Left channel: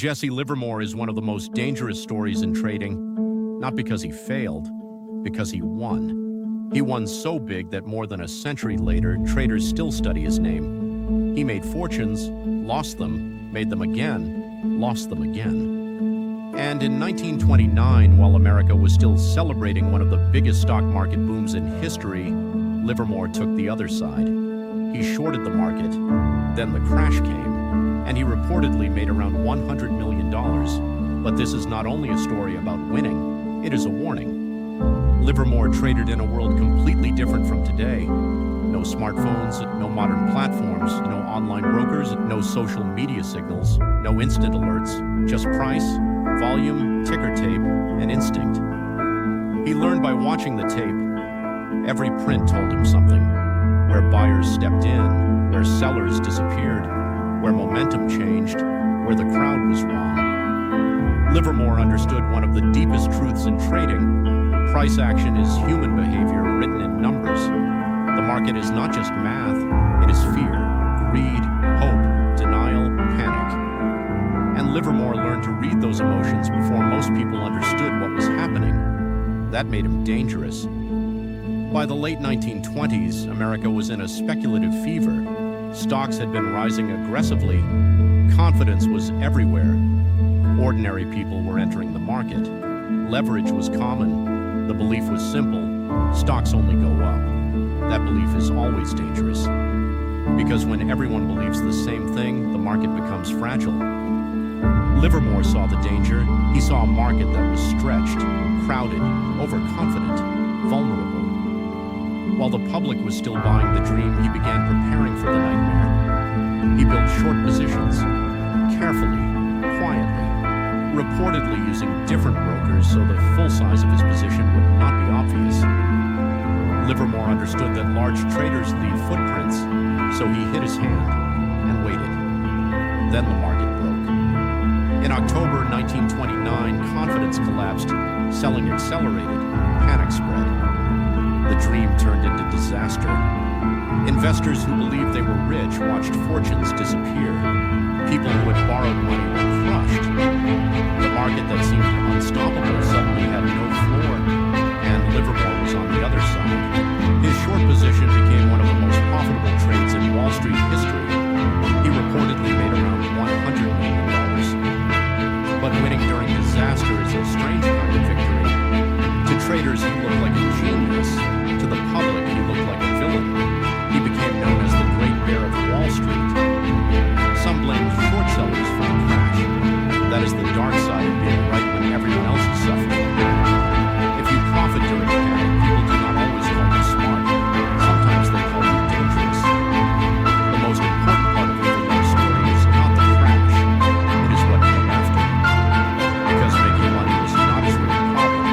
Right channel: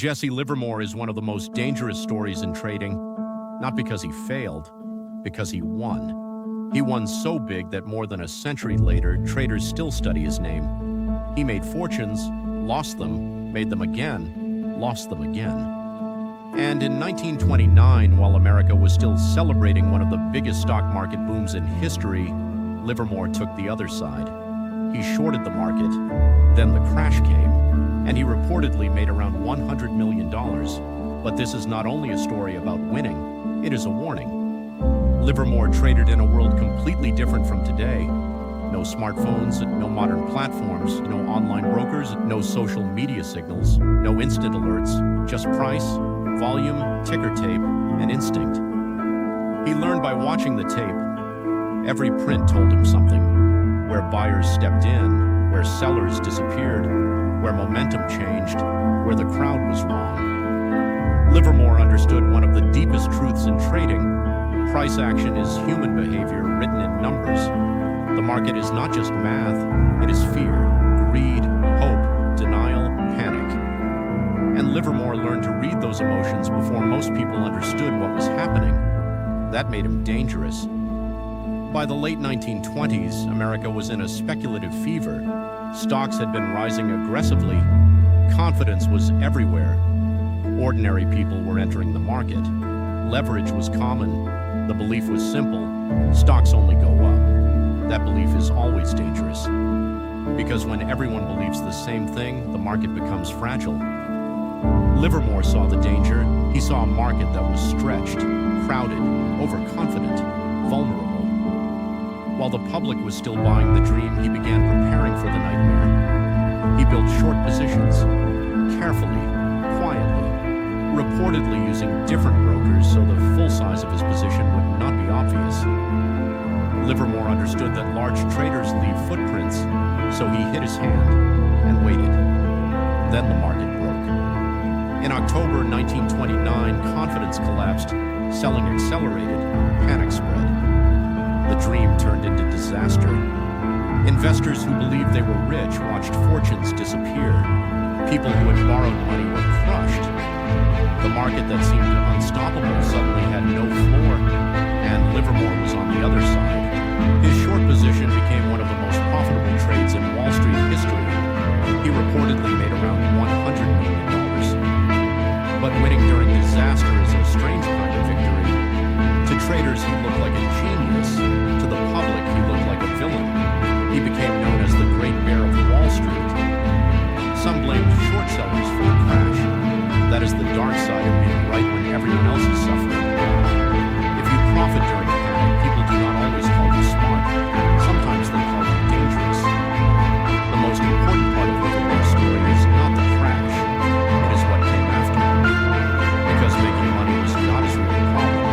Jesse Livermore is one of the most dangerous stories in trading, not because he failed, because he won. He won so big that more than a century later, traders still study his name. He made fortunes, lost them, made them again, lost them again. And in 1929, while America was still celebrating one of the biggest stock market booms in history, Livermore took the other side. He shorted the market, then the crash came, and he reportedly made around $100 million. But this is not only a story about winning, it is a warning. Livermore traded in a world completely different from today. No smartphones, no modern platforms, no online brokers, no social media signals, no instant alerts, just price, volume, ticker tape, and instinct. He learned by watching the tape. Every print told him something. Where buyers stepped in, where sellers disappeared, where momentum changed, where the crowd was wrong. Livermore understood one of the deepest truths in trading. Price action is human behavior written in numbers. The market is not just math, it is fear, greed, hope, denial, panic. And Livermore learned to read those emotions before most people understood what was happening. That made him dangerous. By the late 1920s, America was in a speculative fever. Stocks had been rising aggressively. Confidence was everywhere. Ordinary people were entering the market. Leverage was common. The belief was simple: stocks only go up. That belief is always dangerous. Because when everyone believes the same thing, the market becomes fragile. Livermore saw the danger. He saw a market that was stretched, crowded, overconfident, vulnerable. While the public was still buying the dream, he began preparing for the nightmare. He built short positions, carefully, quietly, reportedly using different brokers so the full size of his position would not be obvious. Livermore understood that large traders leave footprints, so he hid his hand and waited. Then the market broke. In October 1929, confidence collapsed, selling accelerated, panic spread. The dream turned into disaster. Investors who believed they were rich watched fortunes disappear. People who had borrowed money were crushed. The market that seemed unstoppable suddenly had no floor, and Livermore was on the other side. His short position became one of the most profitable trades in Wall Street history. He reportedly made around $100 million. But winning during disaster is a strange kind of victory. To traders, he looked like a genius. To the public, he looked like a villain. He became known as the Great Bear of Wall Street. Some blamed short sellers for the crash. That is the dark side of being right when everyone else is suffering. If you profit during panic, people do not always call you smart. Sometimes they call you dangerous. The most important part of Livermore's story is not the crash. It is what came after. Because making money was not his real problem.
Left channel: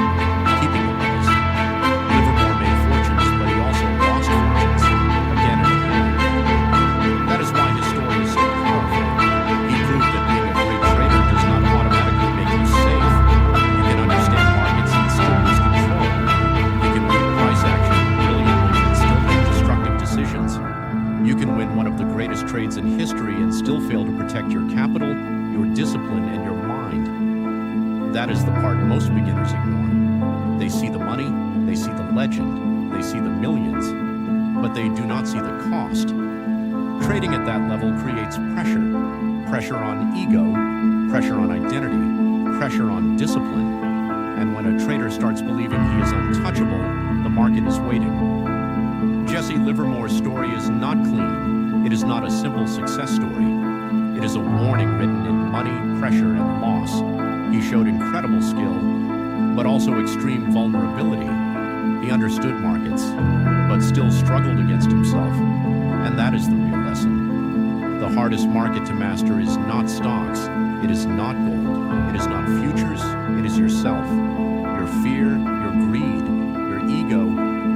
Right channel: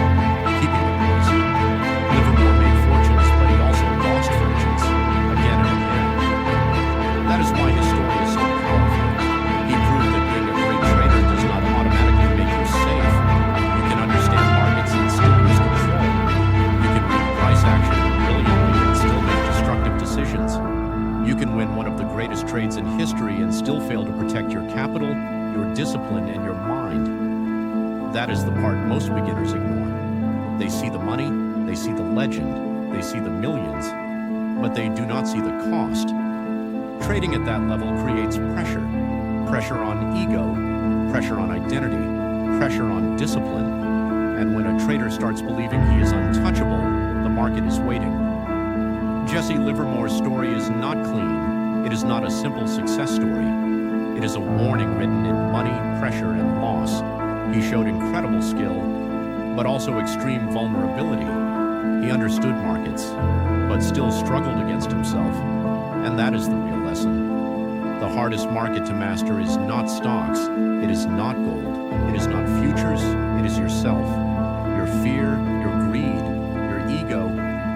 Keeping it was. Livermore made fortunes, but he also lost fortunes, again and again. That is why his story is so powerful. He proved that being a great trader does not automatically make you safe. You can understand markets and still lose control. You can read price action brilliantly and still make destructive decisions. You can win one of the greatest trades in history and still fail to protect your capital, your discipline, and your mind. That is the part most beginners ignore. They see the money, they see the legend, they see the millions, but they do not see the cost. Trading at that level creates pressure. Pressure on ego, pressure on identity, pressure on discipline. And when a trader starts believing he is untouchable, the market is waiting. Jesse Livermore's story is not clean. It is not a simple success story. It is a warning written in money, pressure, and loss. He showed incredible skill, but also extreme vulnerability. He understood markets, but still struggled against himself. And that is the real lesson. The hardest market to master is not stocks, it is not gold, it is not futures, it is yourself. Your fear, your greed, your ego,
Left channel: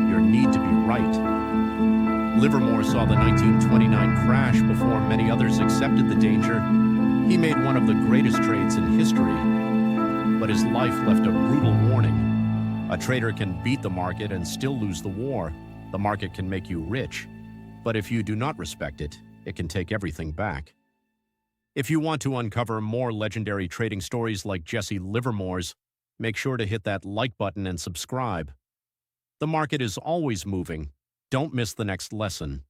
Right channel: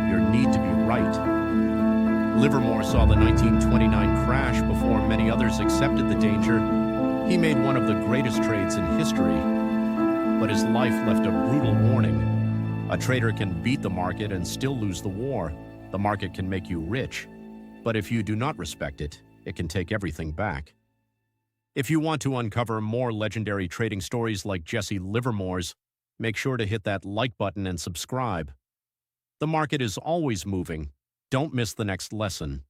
your need to be right. Livermore saw the 1929 crash before many others accepted the danger. He made one of the greatest trades in history. But his life left a brutal warning. A trader can beat the market and still lose the war. The market can make you rich. But if you do not respect it, it can take everything back. If you want to uncover more legendary trading stories like Jesse Livermore's, make sure to hit that like button and subscribe. The market is always moving. Don't miss the next lesson.